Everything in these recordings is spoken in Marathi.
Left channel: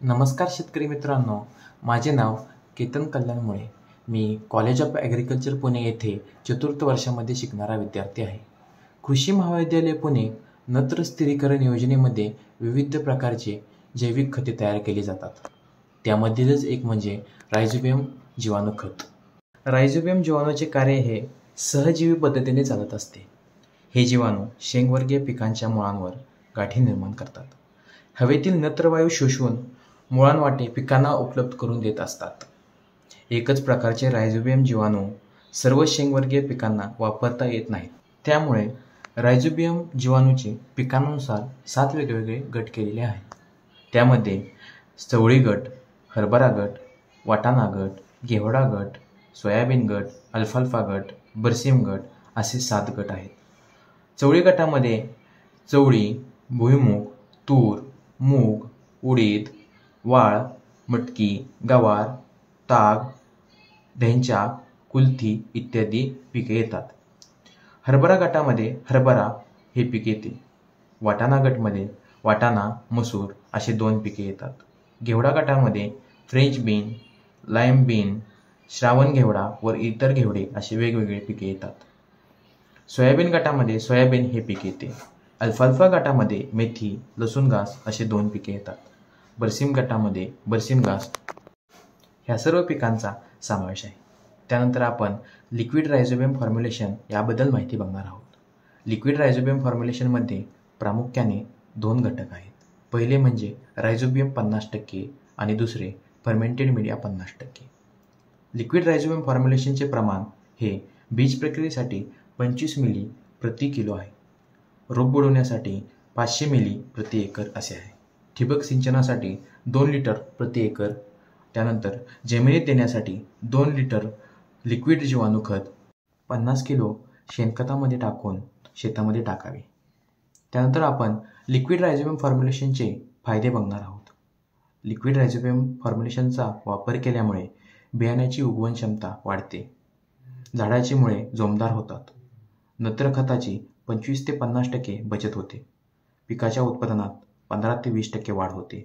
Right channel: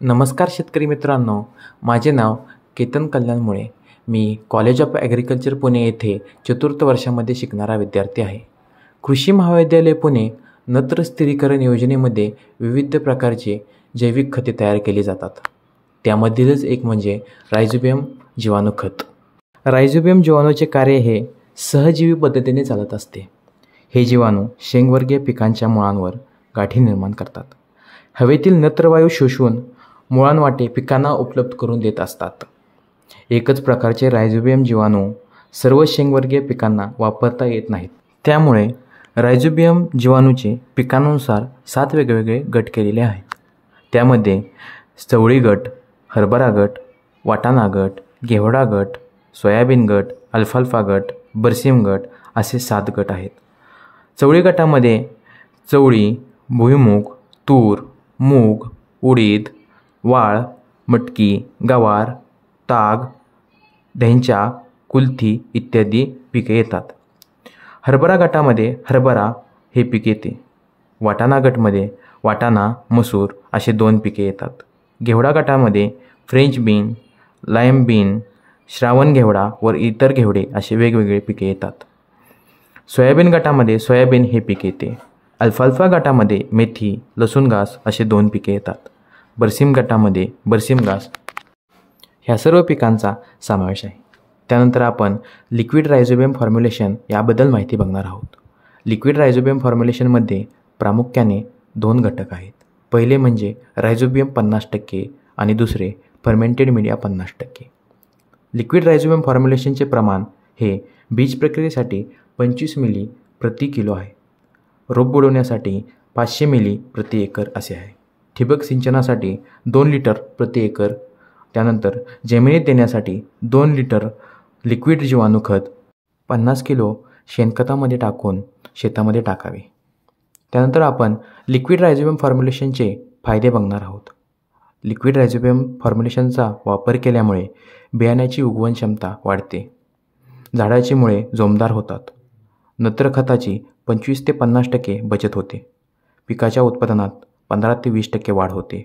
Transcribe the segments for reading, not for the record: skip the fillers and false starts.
नमस्कार शेतकरी मित्रांनो, माझे नाव केतन कल्याणमुळे. मी कॉलेज ऑफ ॲग्रिकल्चर पुणे येथे चतुर्थ वर्षामध्ये शिकणारा विद्यार्थी आहे. कृषी महाविद्यालय पुणे नत्र स्थिरीकरण योजनेमध्ये विविध प्रकारचे जैविक खते तयार केली जातात. त्यामधीलच एक म्हणजे रायझोबियम जीवाणू खत. रायझोबियम जीवाणूचे कार्य हे सहजीवी पद्धतीने चालत असते. हे जीवाणू शेंगवर्गीय पिकांच्या मुळांवर गाठी निर्माण करतात. हवेतील नत्रवायू शोषून मुळांवाटे पिकांना उपलब्ध करून देत असतात. एकच प्रकारचे रायझोबियम जीवाणू सर्व शेंगवर्गीय पिकांना वापरता येत नाहीत. त्यामुळे रायझोबियम जीवाणूचे पिकांनुसार 7 वेगवेगळे गट केलेले आहेत. त्यामध्ये चवळी गट, हरभरा गट, वाटाणा गट, घेवडा गट, सोयाबीन गट, अल्फाल्फा गट, बरसीम गट असे 7 गट आहेत. चवळी गटामध्ये चवळी, भुईमूग, तूर, मूग, उडीद, वाळ, मटकी, गवार, ताग, ढेंचा, कुलथी इत्यादी पिके येतात. हरभरा गटामध्ये हरभरा हे पीक येते. वाटाणा गटमध्ये वाटाणा, मसूर असे 2 पिके येतात. घेवडा गटामध्ये फ्रेंच बीन, लाईम बीन, श्रावण घेवडा व इतर घेवडे असे वेगवेगळे पिके येतात. सोयाबीन गटामध्ये सोयाबीन हे पीक येते. अल्फाल्फा गटामध्ये मेथी, लसूण घास असे 2 पिके येतात. बरसीम गटामध्ये बरसीम घास ह्या सर्व पिकांचा समावेश आहे. त्यानंतर आपण लिक्विड रायझोबियम फॉर्म्युलेशन याबद्दल माहिती बघणार आहोत. लिक्विड रायझोबियम फॉर्म्युलेशनमध्ये प्रामुख्याने 2 घटक आहेत. पहिले म्हणजे रायझोबियम 50% आणि दुसरे फर्मेंटेड मीडिया 50%. लिक्विड रायझोबियम फॉर्म्युलेशनचे प्रमाण हे बीज प्रक्रियेसाठी 25 मिली प्रति किलो आहे. रोप बुडवण्यासाठी 500 मिली प्रति एकर असे आहे. ठिबक सिंचनासाठी 2 लिटर प्रति एकर. त्यानंतर जमिनीत देण्यासाठी 2 लिटर लिक्विड जीवाणू खत 50 किलो शेणखतामध्ये टाकून शेतामध्ये टाकावे. त्यानंतर आपण लिक्विड रायझोबियम फॉर्म्युलेशनचे फायदे बघणार आहोत. लिक्विड रायझोबियम फॉर्म्युलेशनचा वापर केल्यामुळे बियाण्याची उगवण क्षमता वाढते. झाडाची मुळे जोमदार होतात. नत्र खताची 25 ते 50% बचत होते. पिकाच्या उत्पादनात 15 ते 20% वाढ होते.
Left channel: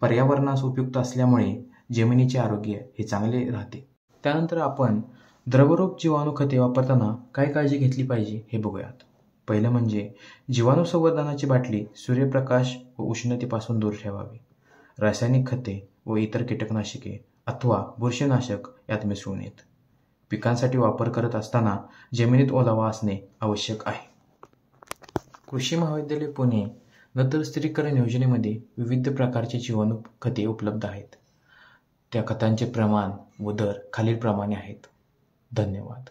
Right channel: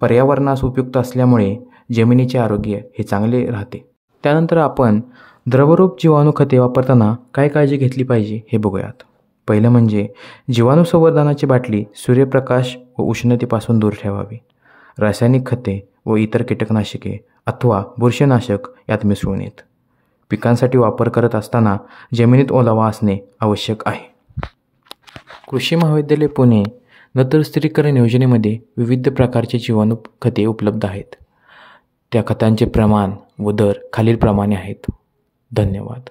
पर्यावरणास उपयुक्त असल्यामुळे जमिनीचे आरोग्य हे चांगले राहते. त्यानंतर आपण द्रवरूप जीवाणू खते वापरताना काय काळजी घेतली पाहिजे हे बघूयात. पहिलं म्हणजे जीवाणू संवर्धनाची बाटली सूर्यप्रकाश व उष्णतेपासून दूर ठेवावी. रासायनिक खते व इतर कीटकनाशके अथवा बुरशीनाशक यात मिसळू नयेत. पिकांसाठी वापर करत असताना जमिनीत ओलावा असणे आवश्यक आहे. कृषी महाविद्यालय पुणे नत्र स्थिरीकरण योजनेमध्ये विविध प्रकारचे जीवाणू खते उपलब्ध आहेत. त्या खतांचे प्रमाण व दर खालीलप्रमाणे आहेत. धन्यवाद.